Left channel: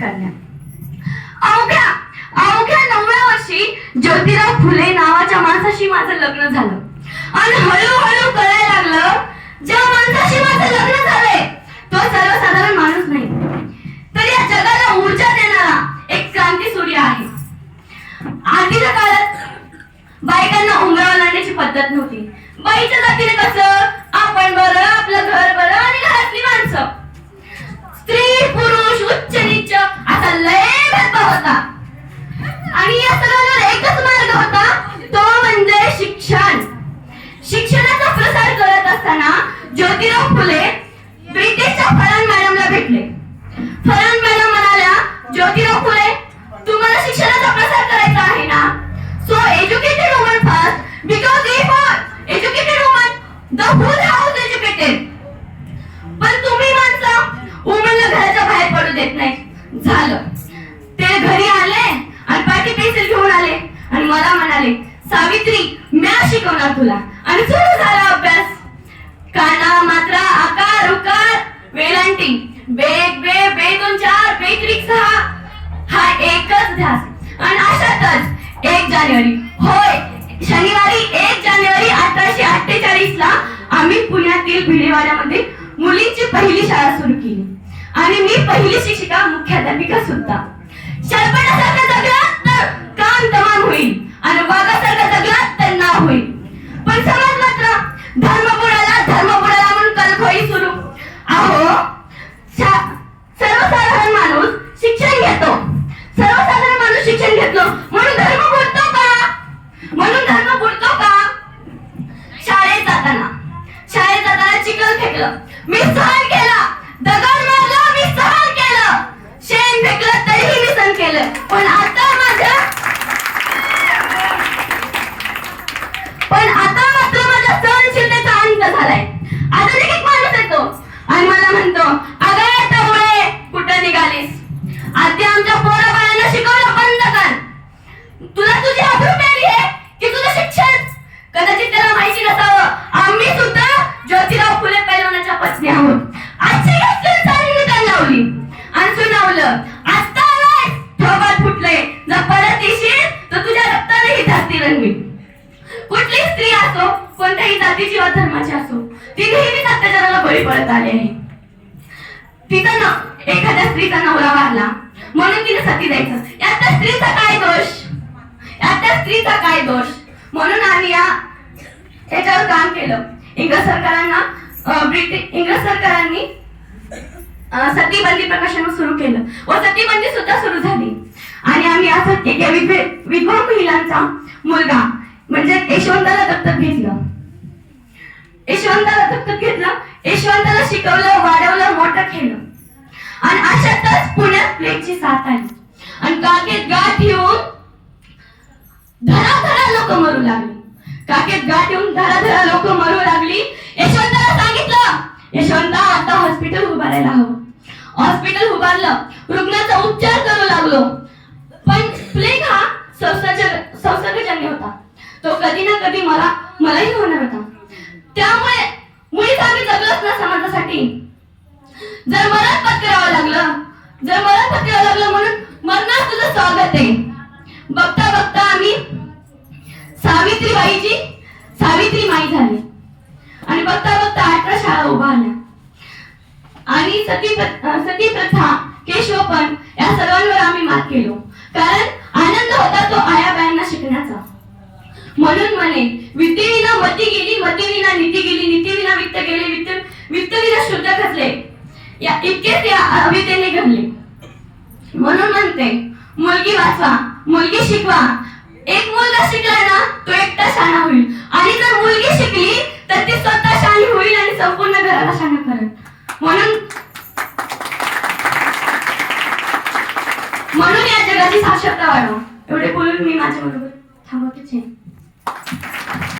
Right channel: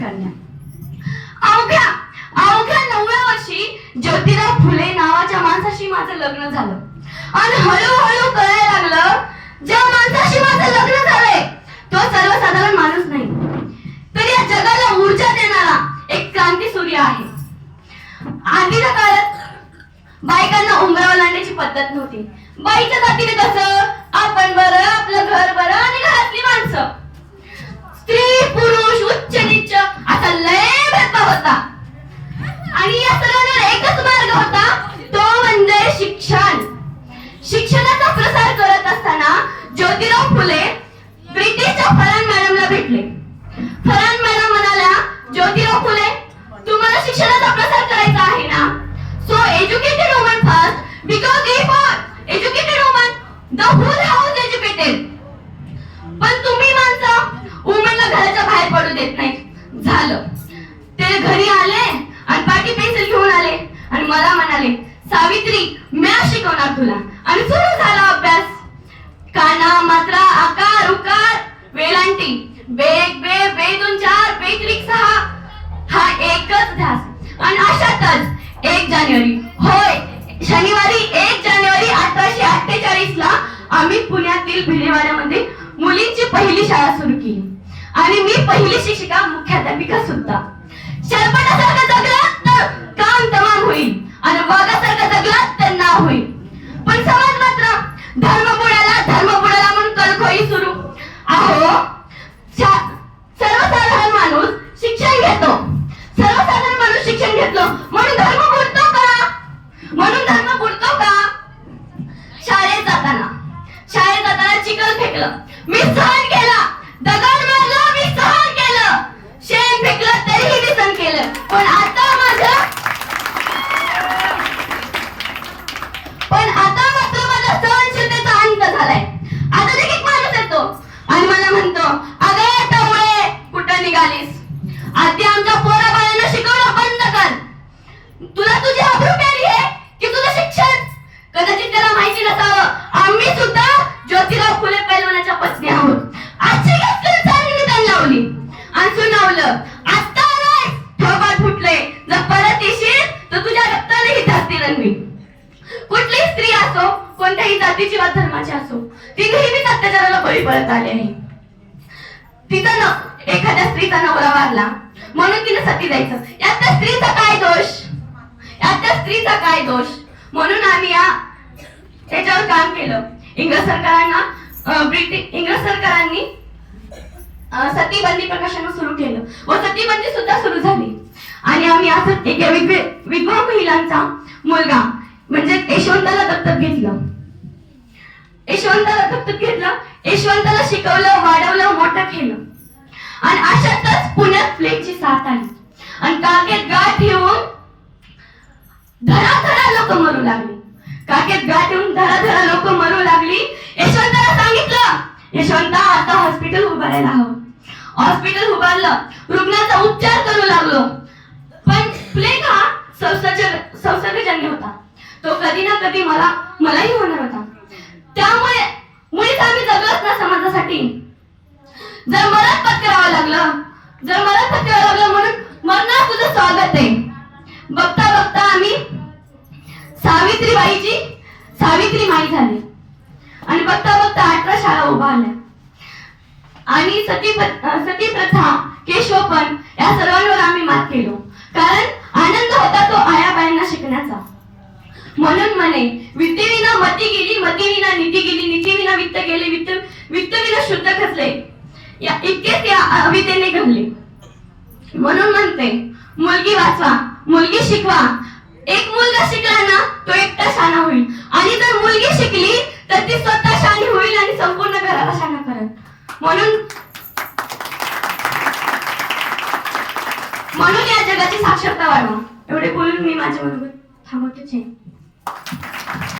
कन्या. अवघ्या अवघ्या 9व्या वर्षी ज्योतिराव फुले नावाच्या माणसाशी माझं लग्न झालं. आणि हळूहळू कळायला लागलं, ज्या माणसाशी माझं लग्न झालंय तो सर्वसाधारण माणूस नाही, तर या जगाला ऊर्जा देणारा एक क्रांती सूर्य आहे. आधीच्या काळात बायकांना उंबरावर लावण्याची पद्धत नव्हती. बाईच्या जातीने कसं आपण बरं, आपलं घर बरं आणि घरातली माणसं, स्त्री पुरुष उच्च नीच असा लय भेदभाव होता. आणि या सगळ्यांवर एकच मार्ग होता, तो म्हणजे शिक्षण. शिक्षणाचा प्रसार करत असताना ज्योतिराव फुले ब्रिटिशच्या फरान मॅडमला भेटले. फरान मॅडम म्हणाल्या, ज्योतिराव फुले, तुम्हाला शिक्षणाचा प्रसार करायचा आहे ना, so educated woman first, because if educated woman the whole house educated. पण तुम्ही माणसं वुमनला घराच्या बाहेर पडू देत नाही. झालं, ते घरी आले आणि पाटी पेन्सिल घेऊन आले आणि मला म्हणाले, सावित्री म्या शिकवणार तुला. आणि सुरू झाला अभ्यास. काना, मात्रा, आकार, उकार, वेलांटी, बेग बे, बे 2 4, बे 3 6 हा एकच ध्यास. आणि अशातच 1 जानेवारी, होय शनिवारी 1 जानेवारी 1848 ला आम्ही पुण्यातील भिडेवाड्यामध्ये मुलींची पहिली शाळा सुरू केली. आणि मी पहिली शिक्षिका, मुख्याध्यापिका सुद्धा. शरपणासारखं जगलात तर काम तमाम होईल आणि वाघासारखं जगलात तर नाव होईल. पण समाज मात्र धर्म बुडाला म्हणून कलखोई सुरू. अहो, सर्वसाधारण माणूस शिक्षण घेतो, सर्वसाधारण माणूस शिक्षण घेतलो म्हणून धर्म बुडतो का? म्हणून धर्म बुडतो का? शाळेत जाताना चिखल फेकलं, मी सहन केला. दगड मारला, मी सहन केलं. शेण फेकलं तरीही मी सहन केलं. पण आता मात्र माझ्या सहनशीलतेचा अंत झालाय. आता एक माणूस येतो आणि मला म्हणतो, अगं टवळे कुठं निघालीस? आधी आमच्या पोरा बाळांना शिकवणं बंद कर. तुला तुझी अब्रू पेरी आहे की तुझं शिक्षण? कदाचित त्याला माहिती नसावं, आम्ही सुद्धा ज्योतिराव फुले पैलवानाच्या पत्नी आहोत. आजची गोष्ट निदान लावली आणि सुनावलं, आता आलाय थोबाड फुटले, जर परत येशील तर तुझ्या रक्ताने ही धरती रंगवी. कुठली स्त्री असो, कोणत्याही जातीची वा धर्माची असो, ती नेहमीच अत्याचाराला बळी पडत आली आहे. एखाद्या स्त्रीचा नवरा वारला म्हणून तिने सती जायचं, यात त्या स्त्रीचा काय दोष? म्हणून आम्ही याच्यावर काम केलं. इंग्रज सरकारांनी सतीबंदी प्रकाशन सुरू केलं व सतीबंदी सुद्धा सुरू झाली. आणि आम्ही असं एका विधवा महिलांचा मुलगा म्हणजे यशवंताला दत्तक घेतलं. यशवंताला शिकवलं, वाढवलं, मोठं केलं. आणि अशातच पुण्यात प्लेगची साथ आली आणि काखेत गाठ येऊन धडाधडा लोक मरू लागली. यशवंताला सांगितलं, यशवंता आता हॉस्पिटल उभारायला हवं. हॉस्पिटल उभारलं, रुग्णाचा उपचार करू लागलो. पण प्लेग हा संसर्गजन्य होता, तो कधी ना कधी मलाही होणार होता. त्यामुळे मुळीच आम्ही जगलोच ना समाजासाठी. जर मरण पत्करावं लागलं म्हणून मरणात तुझं स्वागत आहे. बघता बघता आम्ही सावित्री माई झाली आणि बघता बघता 18 शाळा उभारल्या. आणि सती प्रथा, केशवपण या सर्वांवर आम्ही मात केलो. कारण आनंद होता तो आयाबायांना शिकण्याचा. म्हणून म्हणे, विद्येविना मती गेली, मतीविना नीती गेली, नीतीविना वित्त गेले, वित्तविना शुद्ध खचले, इतकेच या अविद्येने घडले. म्हणून म्हणते, मुलगी वाचवा, मुलगी शिकवा. एक मुलगा शिकला ना तो एकटा शहाणा होईल. आणि जर मुलगी शिकली तर ती स्वतः शहाणी होईल आणि संपूर्ण घराला शहाणा करेल. म्हणून या जगाची साक्षरता वाढवा. एवढे बोलून मी माझ्या बरोबर थांबवतेच आहे.